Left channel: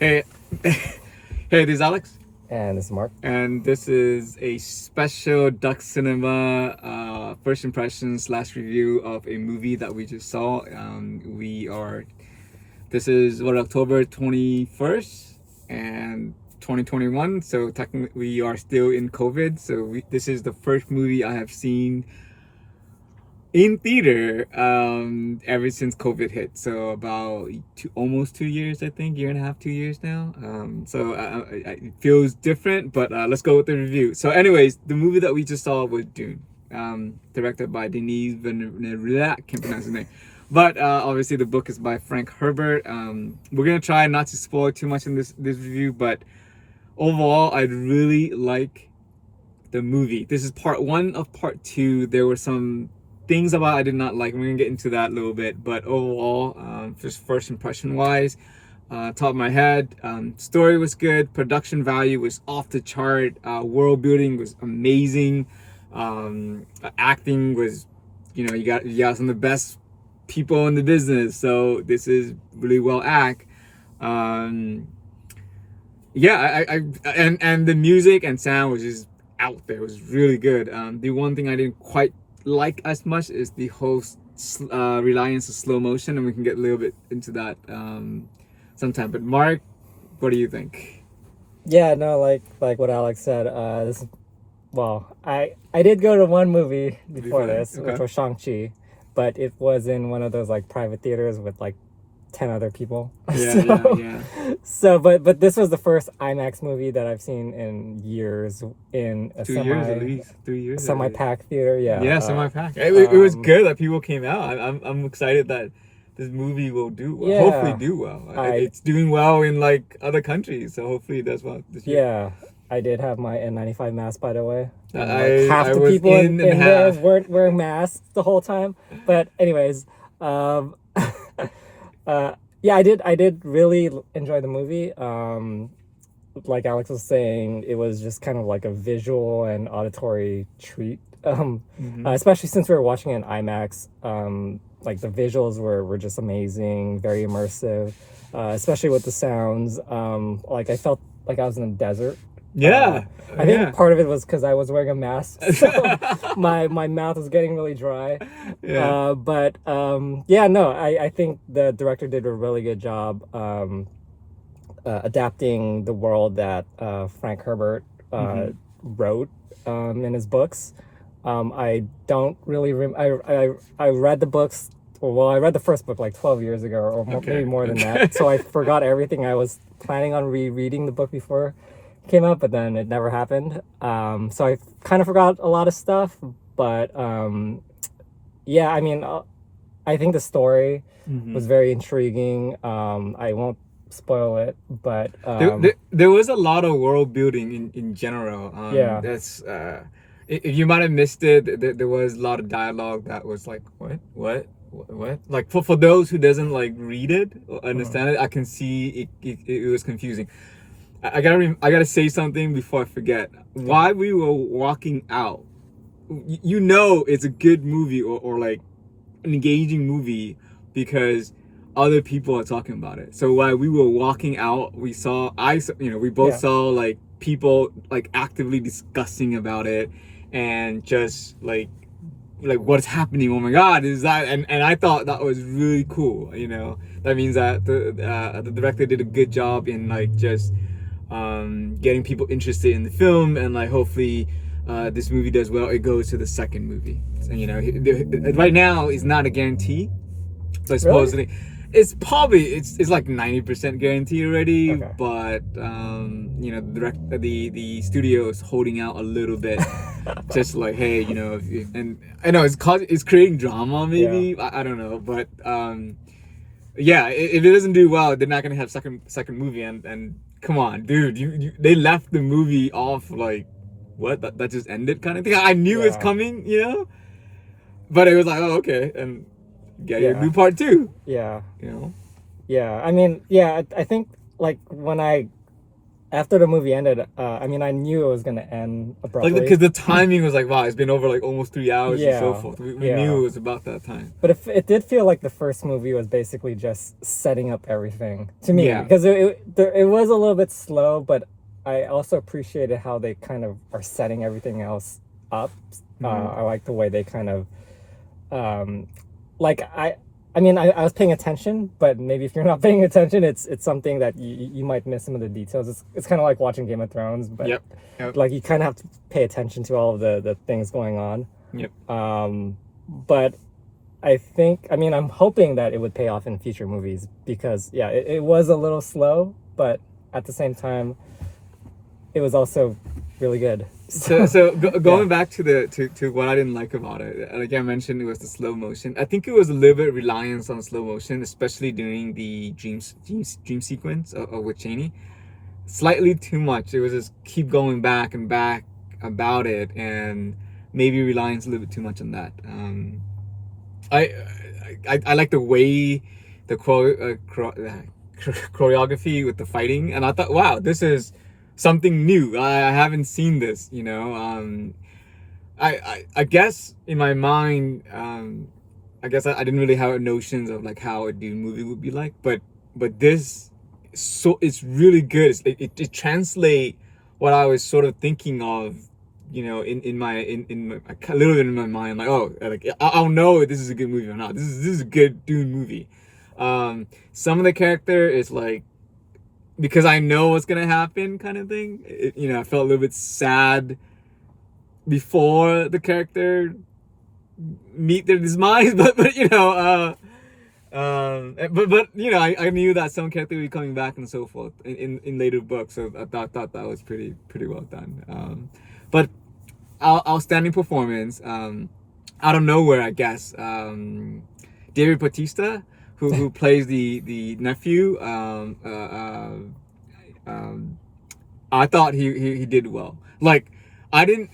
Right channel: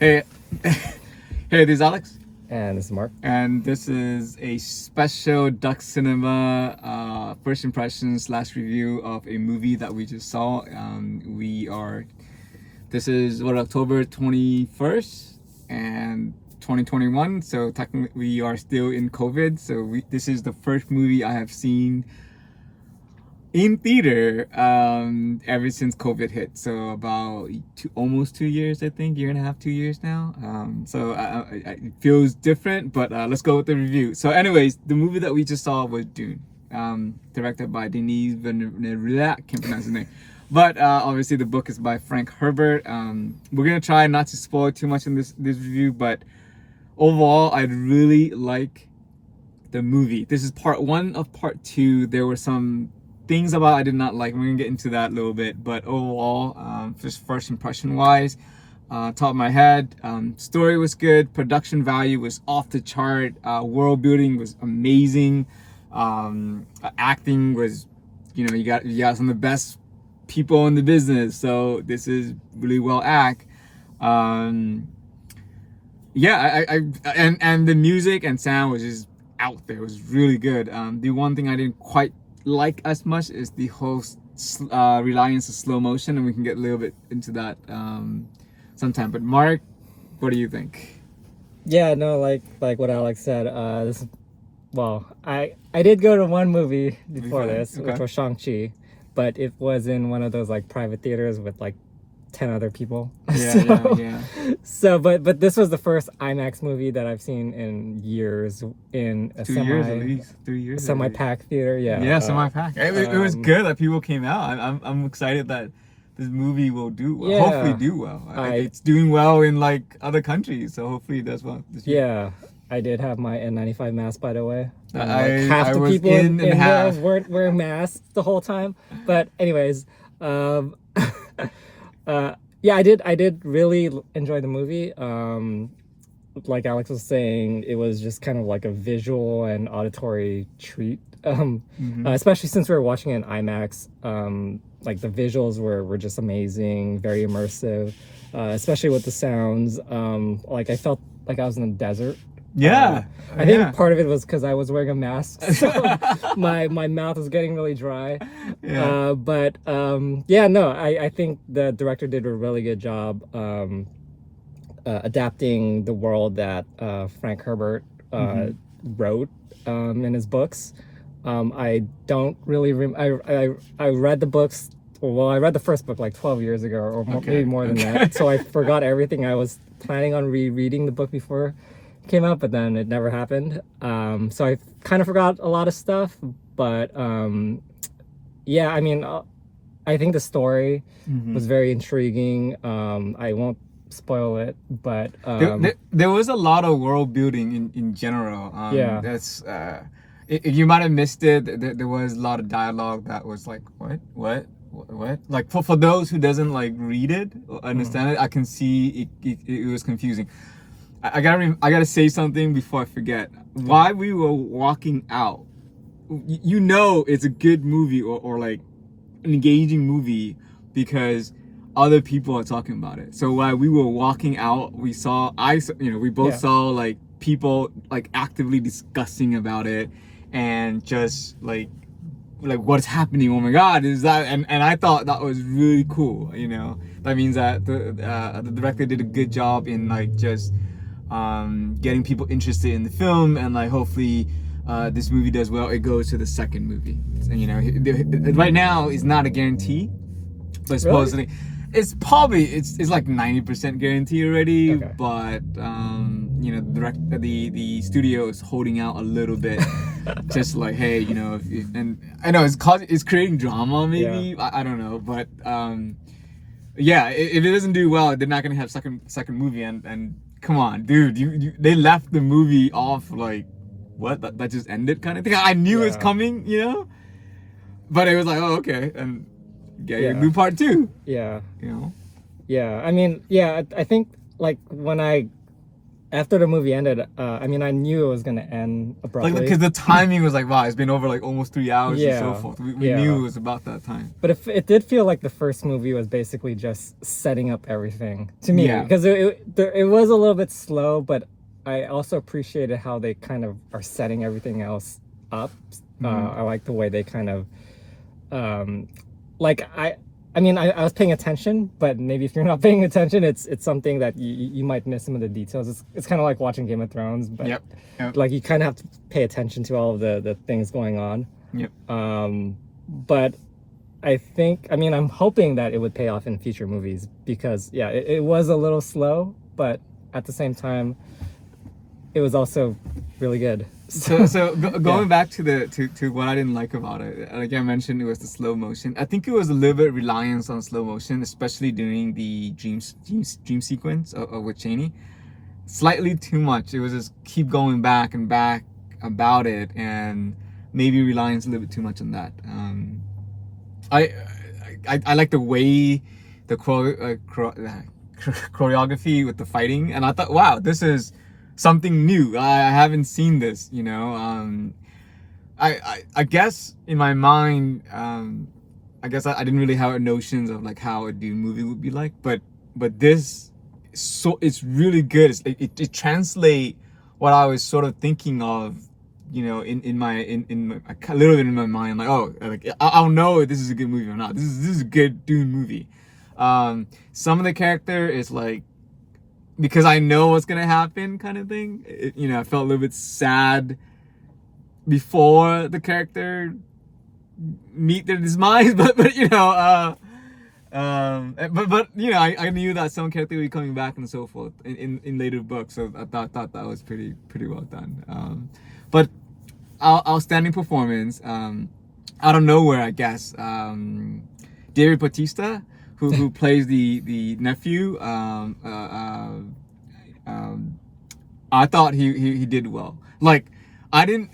Hey, hey, this is Alex, And this is Mark. and this is a special Duck Cinema first impression slash review of a movie that we just saw. This is October 21st and 2021, so technically we are still in COVID. This is the first movie I have seen in theater ever since COVID hit. So about almost 2 years, I think, year and a half, 2 years now. It feels different, but let's go with the review. So anyways, the movie that we just saw was Dune, directed by Denis Villeneuve. I can't pronounce his name. But obviously the book is by Frank Herbert. We're gonna try not to spoil too much in this review, but overall I really like the movie. This is part one of part two. There were some things about I did not like. We're gonna get into that a little bit, but overall, just first impression wise, top of my head, story was good, production value was off the chart, world building was amazing, acting was, you got some of the best people in the business, so this is really well act. Yeah, and the music and sound was just out there. It was really good. The one thing I didn't quite like as much is the whole reliance of slow motion, and we can get a little bit into that sometime. But Mark, what do you think? Yeah, no, like what Alex said. I did go to one movie before this, Okay. which was Shang-Chi, but it was in one of those like private theaters with like 10 other people. Yeah. But this was the first IMAX movie that I've seen in years in a 2 years at least, 3 years. semi-packed theater. Yeah, semi-pack. It was good that people came out. I'm excited that this movie will do well. Yeah. Hopefully do well. It's doing well in like other countries, so hopefully it does well this year. Yeah, I did have my N95 mask, by the way. I was people in there half. weren't wearing masks the whole time. But anyways, yeah, I did really enjoy the movie. Like Alex was saying, it was just kind of like a visual and auditory treat. Especially since we were watching it in IMAX. Like the visuals were just amazing, very immersive. Especially with the sounds. Like I felt like I was in the desert. Yeah. I think part of it was because I was wearing a mask, so my mouth was getting really dry. Yeah. I think the director did a really good job adapting the world that Frank Herbert wrote in his books. I don't really I read the books. Well, I read the first book like 12 years ago, or maybe more than that. So I forgot everything. I was planning on rereading the book before it came out, but then it never happened. So I kind of forgot a lot of stuff. But yeah, I mean, I think the story was very intriguing. I won't spoil it, but there was a lot of world building in general. Yeah. That's if you might have missed it, there was a lot of dialogue that was like, what? Like for those who doesn't like read it or understand it, I can see it was confusing. I gotta say something before I forget. While we were walking out, it's a good movie or like an engaging movie because other people are talking about it. So while we were walking out, we both saw like people like actively discussing about it and just like what's happening. Oh my God, is that? And I thought that was really cool. That means that the director did a good job in like just getting people interested in the film, and like hopefully this movie does well. It goes to the second movie. And, right now is not a guarantee, but supposedly. Really? It's probably it's like 90% guaranteed already, Okay. but the studio is holding out a little bit, just like, hey, and I know it's creating drama maybe. Yeah. I don't know, but yeah, if it doesn't do well, they're not gonna have second movie, and come on, dude, they left the movie off like what that just ended kind of thing. I knew it's coming, but it was like, oh, okay, and. Yeah, you do part two. Yeah. Yeah. I mean, yeah, I think like when I after the movie ended, I mean, I knew it was gonna end Like, abruptly. because the timing was like, wow, it's been over like almost 3 hours and so Yeah, forth. We yeah. knew it was about that time. But it did feel like the first movie was basically just setting up everything to me, Yeah. because it was a little bit slow, but I also appreciated how they kind of are setting everything else up. I like the way they kind of, like I mean, I was paying attention, but maybe if you're not paying attention, it's something that you might miss some of the details. It's kind of like watching Game of Thrones, but Yep. like you kind of have to pay attention to all of the things going on. Yep. But I mean, I'm hoping that it would pay off in future movies, because yeah, it was a little slow, but at the same time, it was also really good. So going Yeah. back to what I didn't like about it, like I mentioned, it was the slow motion. I think it was a little bit reliance on slow motion, especially during the dream sequence with Cheney. Slightly too much. It was just keep going back and back about it, and maybe reliance a little bit too much on that. I, I like the way the choreography with the fighting, and I thought, wow, this is something new. I haven't seen this, you know. I guess in my mind, I guess I didn't really have notions of like how a Dune movie would be like, but this, so it's really good. It translate what I was sort of thinking of, you know, in my a little bit in my mind, like, oh, like I'll know if this is a good movie or not. This is a good Dune movie. Some of the character is like, because I know what's gonna happen, kind of thing. You know, I felt a little bit sad before the character meet their demise, but you know, but you know, I knew that some character would be coming back and so forth in later books, so I thought that was pretty well done. But outstanding performance. Out of nowhere, I guess. David Bautista, who plays the nephew. I thought he did well. Like, I didn't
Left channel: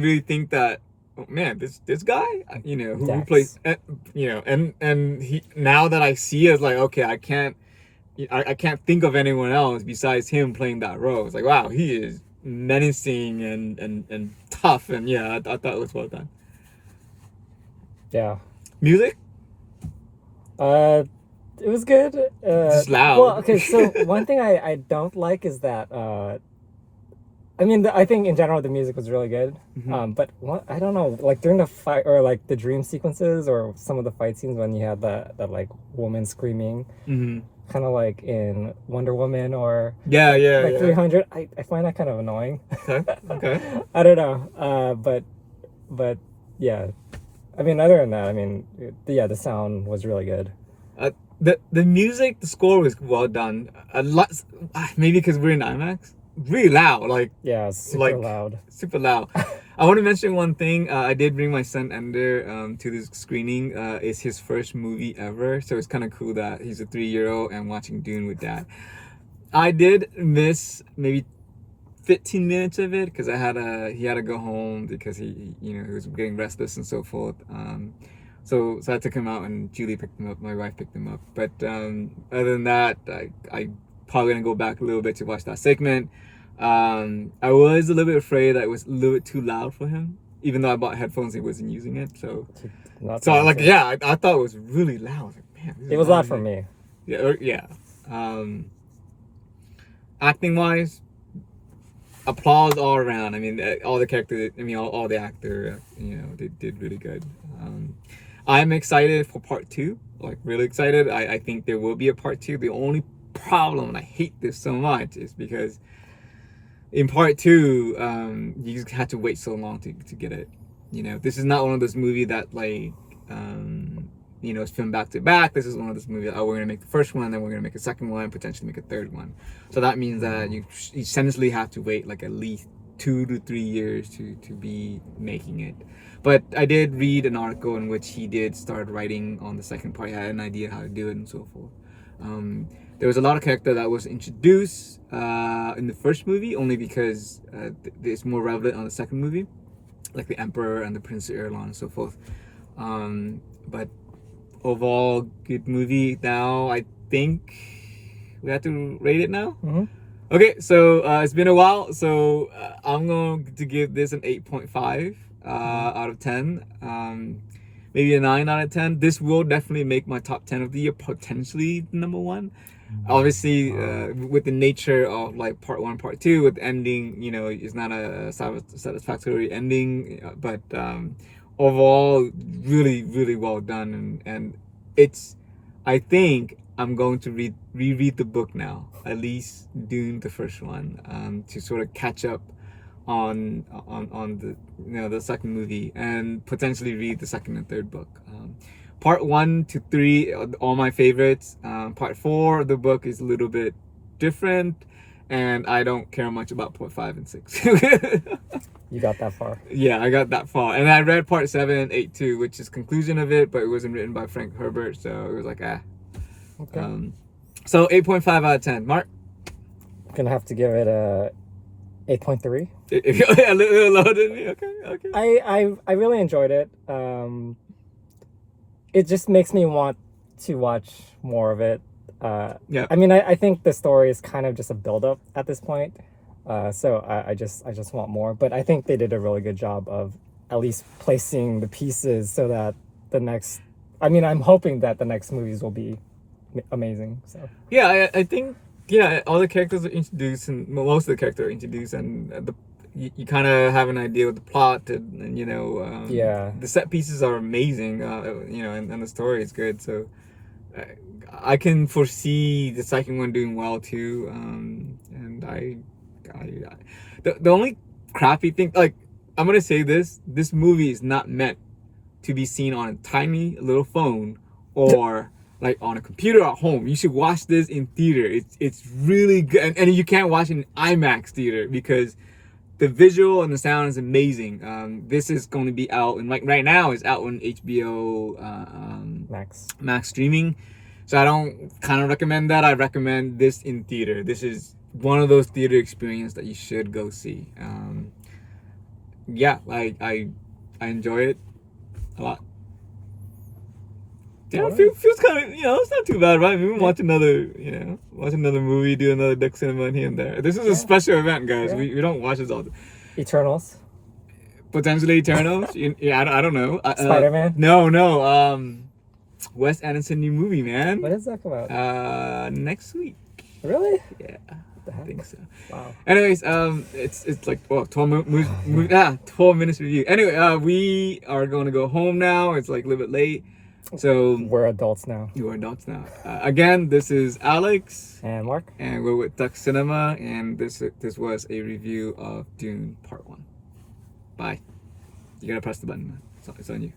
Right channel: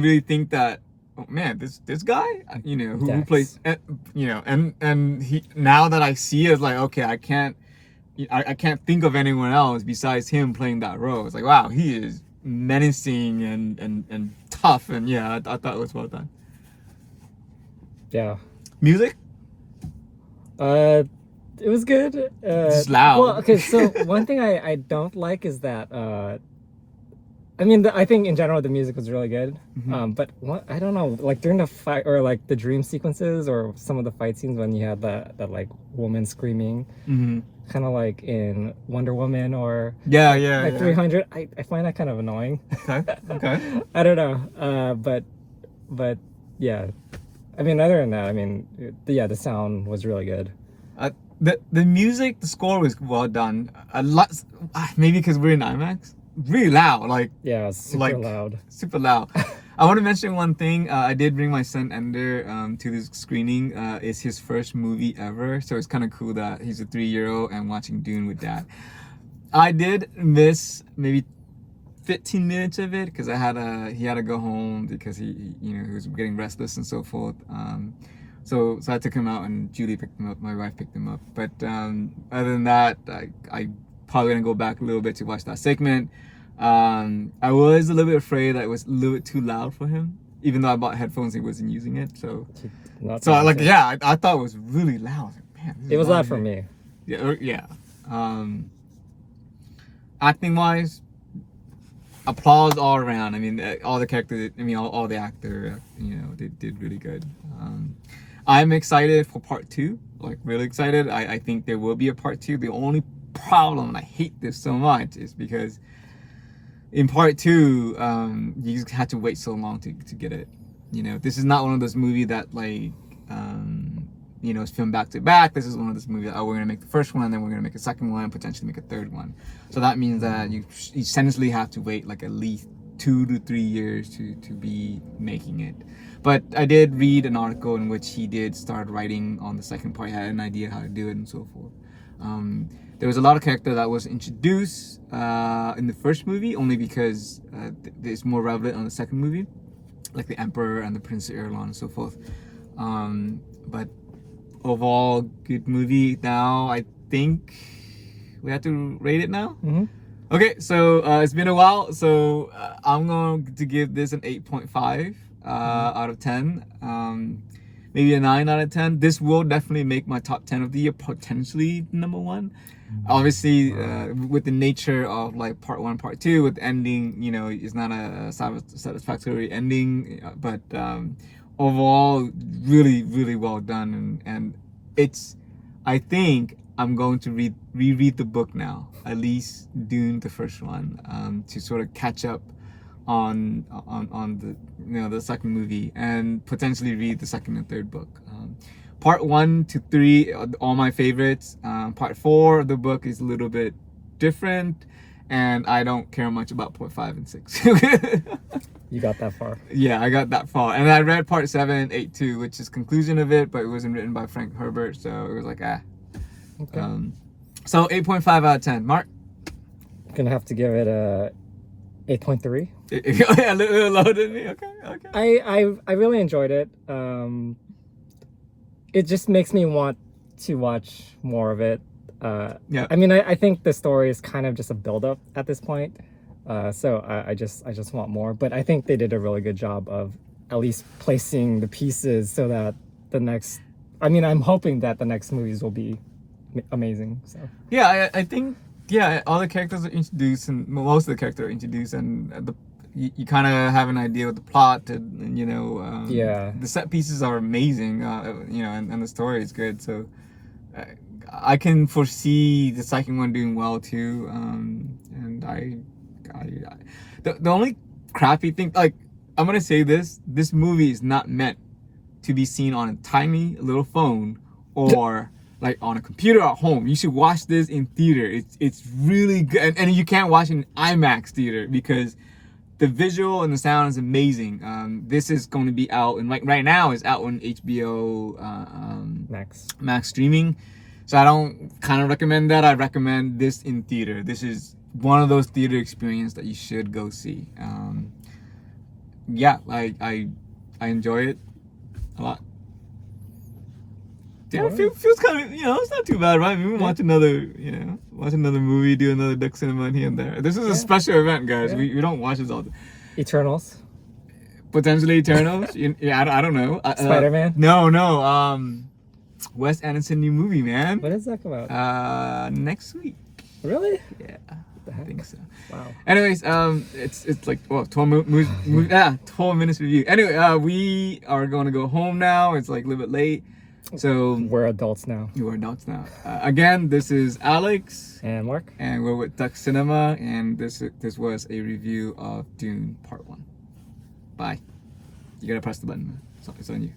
really think that. Oh, man, this guy, you know, who plays, you know, and he, now that I see it, it's like, okay, I can't think of anyone else besides him playing that role. It's like, wow, he is menacing and tough, and yeah, I thought it was well done. Yeah. Music? It was good. It's loud. Well, okay, so one thing I don't like is that I mean, I think in general the music was really good. But I don't know, like during the fight, or like the dream sequences, or some of the fight scenes when you had that like woman screaming, kind of like in Wonder Woman or like 300. I find that kind of annoying. Okay. I don't know. But yeah, I mean, other than that, I mean, the sound was really good. The music, the score was well done. A lot, maybe because we're in IMAX. Really loud, like, yeah, super loud. Super loud. I want to mention one thing. I did bring my son Ender to this screening. It's his first movie ever, so it's kind of cool that he's a 3-year-old and watching Dune with dad. I did miss maybe 15 minutes of it because he had to go home because he was getting restless and so forth. So I took him out, and Julie picked him up. My wife picked him up. But other than that, I probably gonna go back a little bit to watch that segment. I was a little bit afraid that it was a little bit too loud for him, even though I bought headphones, he wasn't using it. So I thought it was really loud. Like, man, it was loud for me. Yeah. Acting wise, applause all around. I mean, all the characters. I mean, all the actor. Did really good. I'm excited for part 2. Like, really excited. I think there will be a part 2. The only problem, and I hate this so much, is because in part 2, you just had to wait so long to get it. You know, this is not one of those movies that like, it's filmed back to back. This is one of those movies that, we're gonna make the first one, and then we're gonna make a second one, and potentially make a third one. So that means that you essentially have to wait like at least 2 to 3 years to be making it. But I did read an article in which he did start writing on the second part. He had an idea how to do it and so forth. There was a lot of character that was introduced in the first movie, only because it's more relevant on the second movie, like the Emperor and the Prince of Irulan and so forth. But overall, good movie. Now I think we have to rate it now. Okay, so it's been a while, so I'm going to give this an 8.5 out of 10. Maybe a 9 out of 10. This will definitely make my top 10 of the year, potentially number one. Obviously, with the nature of like part one, part two, with the ending, you know, it's not a satisfactory ending, but overall, really, really well done. And it's, I think I'm going to reread the book now, at least Dune, the first one, to sort of catch up on the, you know, the second movie, and potentially read the second and third book. Part 1 to 3 are all my favorites. Part 4 of the book is a little bit different, and I don't care much about part 5 and 6. You got that far. Yeah, I got that far, and I read part 7 and 8 too, which is conclusion of it, but it wasn't written by Frank Herbert, so it was like Okay. So 8.5 out of 10. Mark? I'm gonna have to give it a 8.3. A little lower than me. Okay. I really enjoyed it. It just makes me want to watch more of it. Yeah. I mean, I think the story is kind of just a build-up at this point. So I just want more. But I think they did a really good job of at least placing the pieces so that the next... I mean, I'm hoping that the next movies will be amazing. So Yeah, I think, yeah, all the characters are introduced, and most of the characters are introduced, and you kind of have an idea of the plot, and you know, yeah, the set pieces are amazing, you know, and the story is good. So I can foresee the second one doing well too. And the only crappy thing, like, I'm gonna say this movie is not meant to be seen on a tiny little phone or like on a computer at home. You should watch this in theater. It's really good, and you can't watch it in IMAX theater because the visual and the sound is amazing. This is going to be out, and right now it's out on HBO Max streaming. So I don't kind of recommend that. I recommend this in theater. This is one of those theater experiences that you should go see. Yeah, like I enjoy it a lot. Yeah, it feels kind of, you know, it's not too bad, right? We can watch another movie, do another Duck Cinema in here and there. This is a special event, guys. Yeah. We don't watch this all the Eternals. Potentially Eternals. Yeah, I don't know. Spider-Man. No. Wes Anderson new movie, man. What is that about? Next week. Really? Yeah, I think so. Wow. Anyways, it's like 12 minutes review. Anyway, we are going to go home now. It's like a little bit late. So We're adults now. you are adults now. Again, this is Alex, And Mark. and we're with Duck Cinema, and this was a review of Dune Part 1. Bye. You gotta press the button, man. It's on you.